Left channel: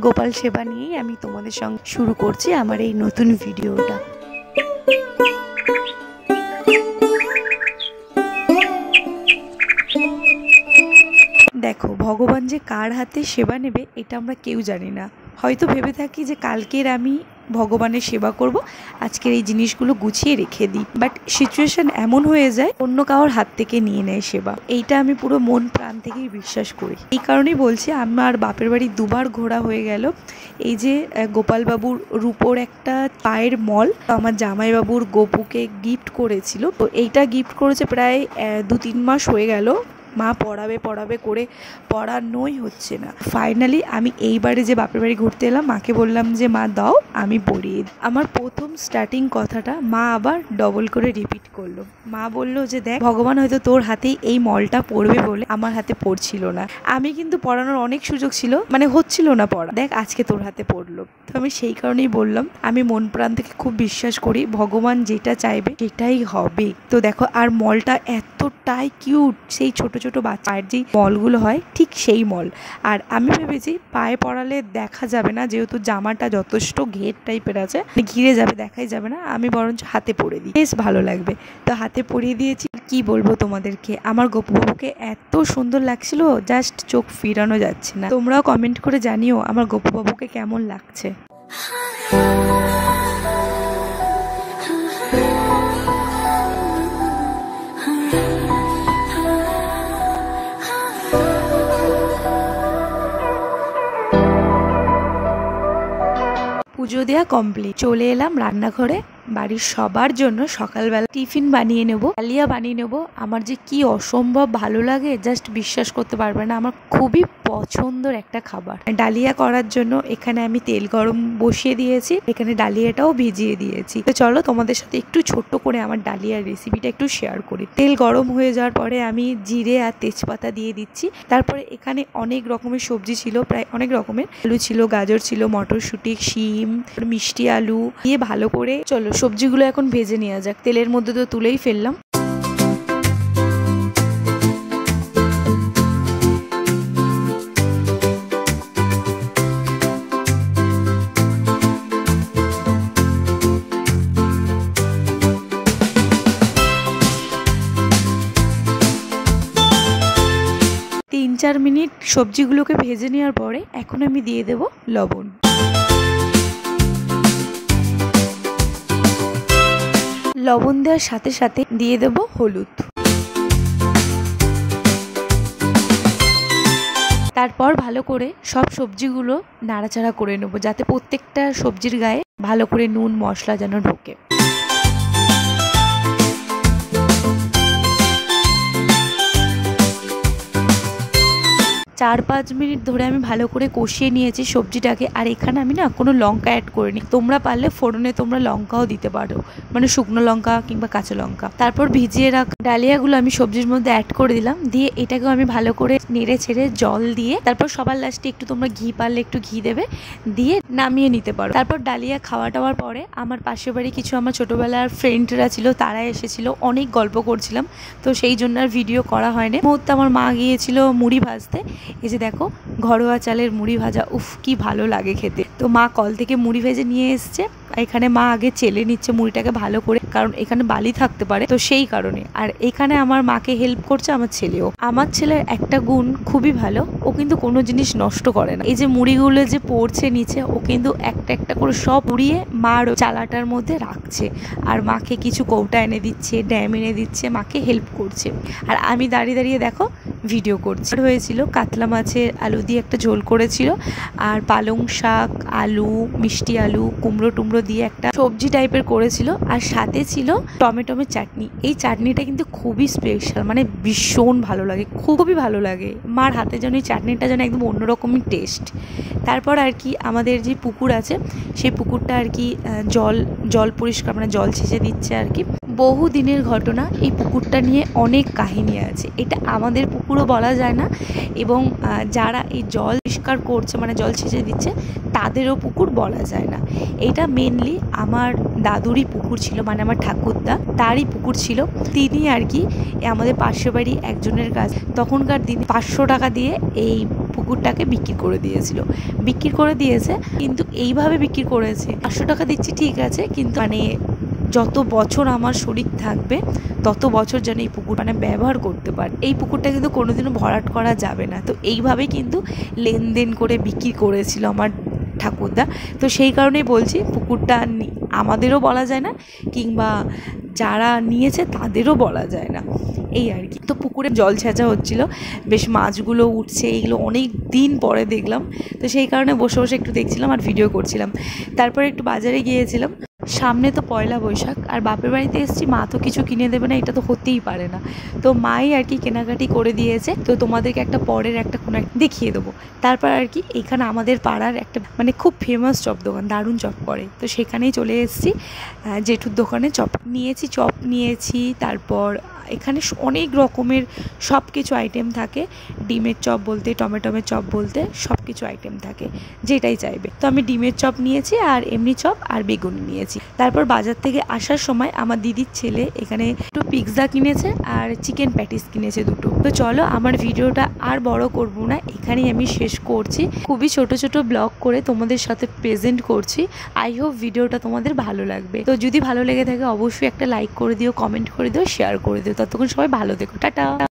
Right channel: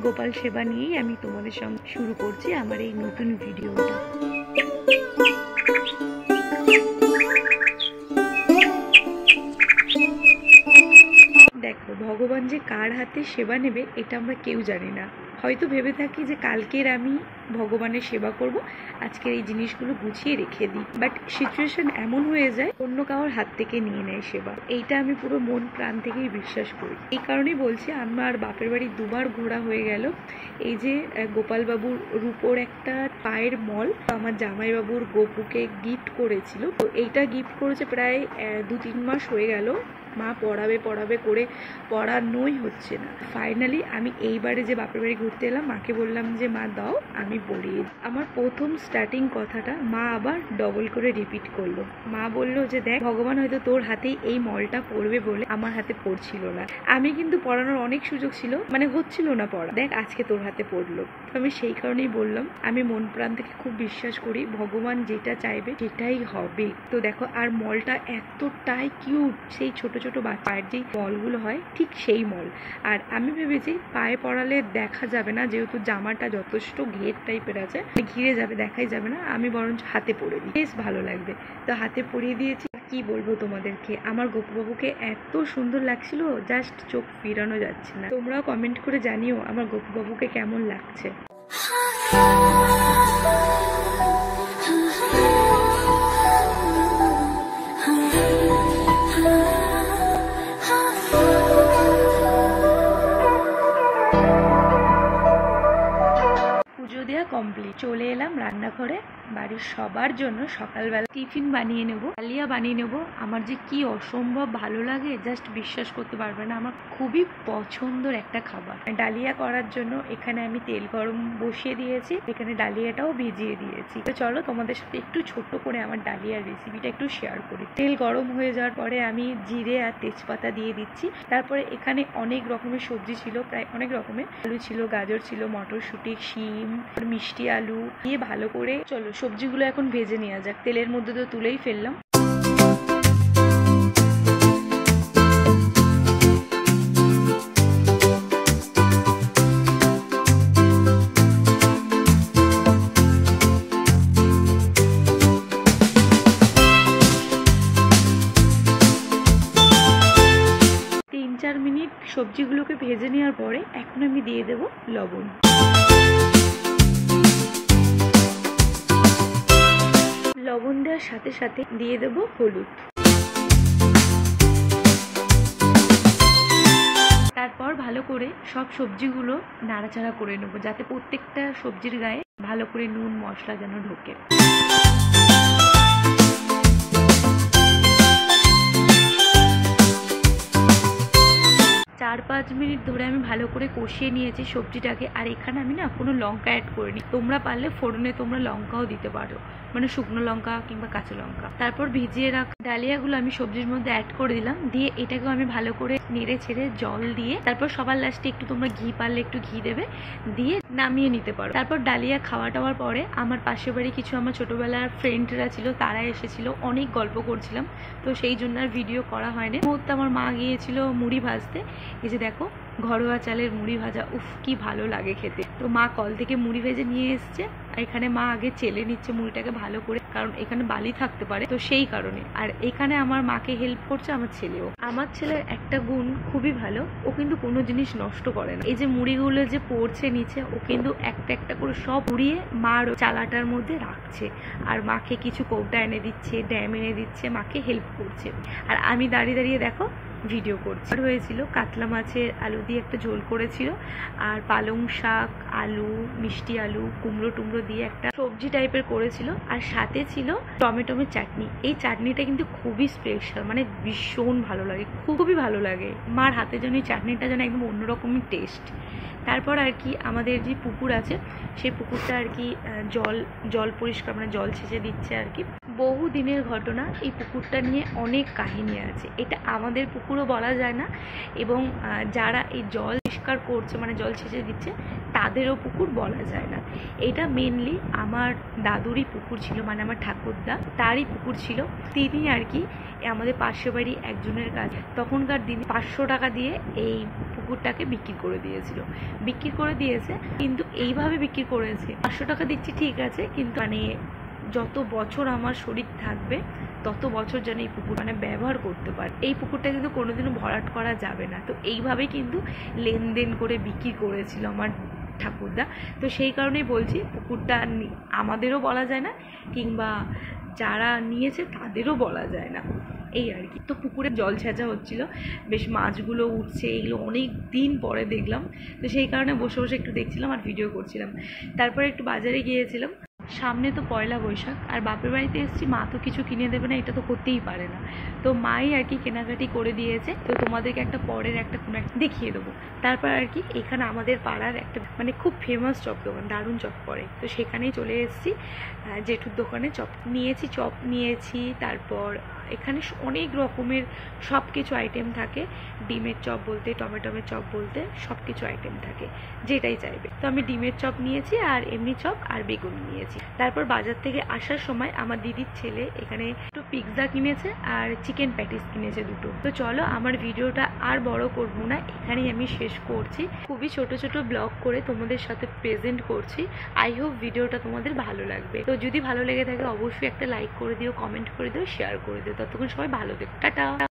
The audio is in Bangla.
গোপাল সেবা নিয়েই আমি তোমাদের সঙ্গে শুরু করছি আমার এই নতুন ভিডিওটা। দেখো, ভগবান যে কার হাতে সেবা নেবে এটা আমরা কেউ জানি না। হয়তো ভেবে থাকি যে কালকের আমি ভগবানের সেবা করব, আজকের এই জিনিসগুলো গুছিয়ে রেখে দিই, বাট সিচুয়েশন এমন হয়ে যায় অন্য কারোর হাত থেকে নিয়ে নেয় সেবা। এইটা আমি পুরো মন প্রাণ থেকেই বিশ্বাস করি। এই কারণেই বলছি, আমার বাপের বাড়ি দুবার ঘোরা হয়ে গেল। এই যে গোপালবাবুর রূপোর একটা পায়ের মল আমার জামাইবাবুর গোপুকে গিফট করেছিল, তো এইটা গিফট করেছে প্রায় 2-3 মাস হয়ে গেল। মা পড়াবে করে পড়ানোই হচ্ছে না। ফাইনালি আমি এইবারে যে বাপের বাড়ি ঘুরতে এলাম, মাকে বললাম যে মা দাও আমি পড়িয়ে দিই। আমার প্রথম স্টার্টিং কথাটা মা আবার ডবল করে রিপিট করলো। মা বলল যে দেখ, ভগবান হয়তো তোর হাতেই এই মলটা পড়বে বলে আমার হাতে পড়ছিল না। আমি কিন্তু পড়ানোর অনেক সুযোগ ছিল, মানে হচ্ছিল না পড়া, দেখ আজকে তোর হাতে পড়লো। তো আমি সেই কারণেই বললাম, আমি মন প্রাণ থেকে খুব বিশ্বাস করি ভগবান যেটা চাইবে সেটাই হবে। তো দেখো, আর মলটা এতটাই কিউট, সেই ছোট ছোট বাচ্চার যেই মলগুলো হয় ঠিক সেই মল। আর আমি ভেবেছি পায়ে পড়ালে দেখা যাবে না, যেহেতু জামাটা যথেষ্ট ঘের টাইপের আছে, ঘিরে যাবে, দেখাই যাবে না, আমি বরঞ্চ হাতে পরে দিই, বেশ ভালো লাগবে। তো হাতে পরিয়ে দিয়েছি। কি বলবো তোমাদেরকে, আমার গোপুবাবুকে এত সুন্দর লাগছিল, জাস্ট চোখ ফিরানো যাচ্ছে না। তোমরাও কমেন্ট করে জানিও আমার গোপুবাবুকে কেমন লাগছে। পুজো দেওয়া কমপ্লিট, চলে এলাম রান্নাঘরে। বাড়ির সবার জন্য সকালবেলা টিফিন বানিয়ে নেব, ডালিয়া বানিয়ে নেব। আমার যে কি অসম্ভব ভালো লাগে, জাস্ট বিশ্বাস করতে পারবে না। আমার খুবই পছন্দের একটা খাবার। ডালিয়া করার জন্য এখানে আমি তেল গরম বসিয়ে দিয়েছি, এখানে ডালিয়াটাও ভিজিয়ে দিয়েছি। তো চলো তোমাদের সাথে একটু ছোট্ট করে আমার ডালিয়ার রেসিপিটা একটু শেয়ার করি। তেল গরম হয়ে যাওয়ার পরে আমি জিরে আর তেজপাতা দিয়ে দিচ্ছি। তারপরে এখানে অনেক রকমের সবজি ছিল, প্রায় অনেক রকমের আলু ছিল, গাজর ছিল, মটরশুঁটি, শিম, মিষ্টি আলু দিয়ে ভালো করে চলো সবজিগুলো এখন ভেজে নেওয়া যাক। তেলের মধ্যে তো তুলেই ফেললাম। তিন 4 মিনিট সবজিগুলোকে ভেজে নেওয়ার পরে এখন আমি দিয়ে দেব লবণ। লবণ দেওয়ার সাথে সাথে দিয়ে দেব হলুদ। তারপর ভালো করে সব সবজিগুলো নাড়াচাড়া করে নেব, যাতে প্রত্যেকটা সবজির গায়ে ভালো করে নুন মশলা যেন ঢোকে। 4-5 মিনিট ধরে আমি ভালো করে কষিয়ে নিয়েছি সবজিটাকে। আর এখানে আমি না কোনো লঙ্কা অ্যাড করিনি, তোমরা পারলে ফোড়নে তোমরা লঙ্কাও দিতে পারো, মানে শুকনো লঙ্কা কিংবা কাঁচা লঙ্কা। তারপর ভিজিয়ে রাখা ডালিয়াগুলো আমি সবজির মধ্যে অ্যাড করে দিলাম, দিয়ে এটাকেও আমি ভালো করে নেড়ে ছেড়ে জল দিয়ে, তারপর সবার লাস্টে একটু তোমরা ঘি পারলে একটু ঘি দেবে, দিয়ে নামিয়ে নিতে পারো। তারপর ডালিয়া খাওয়া টাওয়ার পরে আমার পাশের বাড়ি কিছু আমার ছোটোবেলার ফ্রেন্ডরা ছিল, তারা এসেছিল, অনেক গল্প করছিলাম, তো সেই জন্য আর ভিডিও করা হয়নি। মুহূর্তে আমার মা গিয়েছিল মুড়ি ভাজতে। এই যে দেখো, ঘরোয়া চালের মুড়ি ভাজা, উফ কি ভালো লাগে খেতে। তো মা কল থেকে মুড়ি ভেজে নিয়ে এসছে। এখানে মা আগে চেলে নিচ্ছে মুড়িটাকে ভালো করে, কারণ এখানে বালি থাকতে পারে, তো সেই কারণে। আর এখানে আমার মাকে হেল্প করছে আমার ছেলেও। আমার ছেলের একটা গুণ খুবই ভালো, ও কিন্তু কোনো জিনিস নষ্ট করে না। এই যে মুড়িগুলো যে পড়ছে নিচে, ও কিন্তু একটা একটা করে সব পুড়িয়ে মার চালাটার মধ্যে রাখছে, আর মাকে কিছু কৌটা এনে দিচ্ছে, ড্যাম এনে দিচ্ছে, মাকে হেল্প করছে। আর আমি দাঁড়িয়ে দাঁড়িয়ে দেখো ভিডিও করছি। হয়েছিল কাতলা মাছের আলু দিয়ে একটা ঝোল করেছিল, আর পালং শাক, আলু, মিষ্টি আলু, কুমড়ো টুমড়ো দিয়ে একটা সবজি টাইপের করেছিল, আর সাথে ছিল টমেটোমের চাটনি। এই চাটনিটা কিন্তু খুবই স্পেশাল, মানে ভীষণ ভালো লাগে, খুবই ভালো লাগে। মার হাতে যেন এই চাটনিটা যেন একদম অন্যরকমই টেস্ট। তারপর আর কি আমাদের যে পুকুর আছে, সেই পুকুরটা আর কি জল পরিষ্কার, মানে জল ছেঁচে দিচ্ছে আর কি। বহু দিনের ঘটনা। এই পুকুরটা নিয়ে অনেক কাহিনী আছে। এটা আমাদের পুকুরও বলা যায় না, এবং যারা এই জল পরিষ্কার করছে মানে জল ছেঁচে দিচ্ছে তাদেরও পুকুর বলা যায় না। এটা মেনলি আমার দাদুরই পুকুর ছিল, মানে আমার ঠাকুরদা তারই পুকুর ছিল। তিনি আর কি আমাদের পাশের বাড়ি একজনের কাছ তখনকার দিনে 500 টাকা দিয়ে এই পুকুরটাকে বিক্রি করে দিয়েছে। কিন্তু এইভাবে বিক্রি করেছে, 500 টাকা দিচ্ছি ঠিক আছে, কিন্তু মানে যত বছর আমার শরীর থাকবে তত বছর যেন এই পুকুর মানে ব্যবহার করতে পারে। এই পুকুরটা কিন্তু কোনোদিনও ভরাট করা যাবে না। তো এইভাবেই কিন্তু লেনদেন করে বিক্রি করেছিল আমার ঠাকুরদা। তো সেই কারণেই বলছি পুকুরটা আমাদেরও বলা যায় না, কিংবা যারা নিয়েছে তাদেরও বলা যায় না, এই আর কি। তো পুকুরে জল ছেঁচা হচ্ছিলো, বেশ মাছগুলো উঠছে, এইগুলো অনেক দিন পরে দেখলাম। তো সেই কারণে বসে বসে একটু দেখছিলাম আর ভিডিও করছিলাম। তারপরে একটু বাজারে গিয়েছিলাম, সামনে তো পয়লা বৈশাখ, আর বাপের বাড়িতে এসেছি, মা তো কিছু কিনে দেবে না, এটা তো হতেই পারে না। তো মাই আর কি কেনাকাটি করে দিয়েছে। তো তোমাদেরকে একটা পরের একটা কোনো দেখিয়ে দেবো। তারপর আর কি এখানে আমাদের পাড়ার একটা মানে খুব ফেমাস চপ দোকান, দারুণ চপ করে, তো সেখানেই চলে এসেছি। জেঠুর দোকানে চপ নিয়েছি। তারপর এখানে অনেক রকমের সব কিছু আইটেম থাকে, ডিমের চপ বলতে টমেটোমের চপ বলতে সব কিছু আইটেম থাকে, যেটাই চাইবে। তো আমি ডিমের চপ নিয়েছি, আর এমনি চপ আর বেগুন নিয়েছি। তারপর বাজার থেকে আসার সময় আমার দিদির ছেলে এখানে একটু পিৎজা কিনেছে আর চিকেন প্যাটিস কিনেছে দুটো। তো চলো, আমার ভিডিওটা আর বড় করব না, এখানেই আমি শেষ করছি। খুবই ছোট ছোট ব্লগ করে তোমাদের সাথে প্রেজেন্ট করছি। আই হোপ ভিডিওটা তোমাদের ভালো লাগবে। তো যদি ভালো লেগে থাকে অবশ্যই একটা লাইক করে দিও, কমেন্ট করে দিও, শেয়ার করে দিও। ততক্ষণ সবাই ভালো থেকো, টাটা।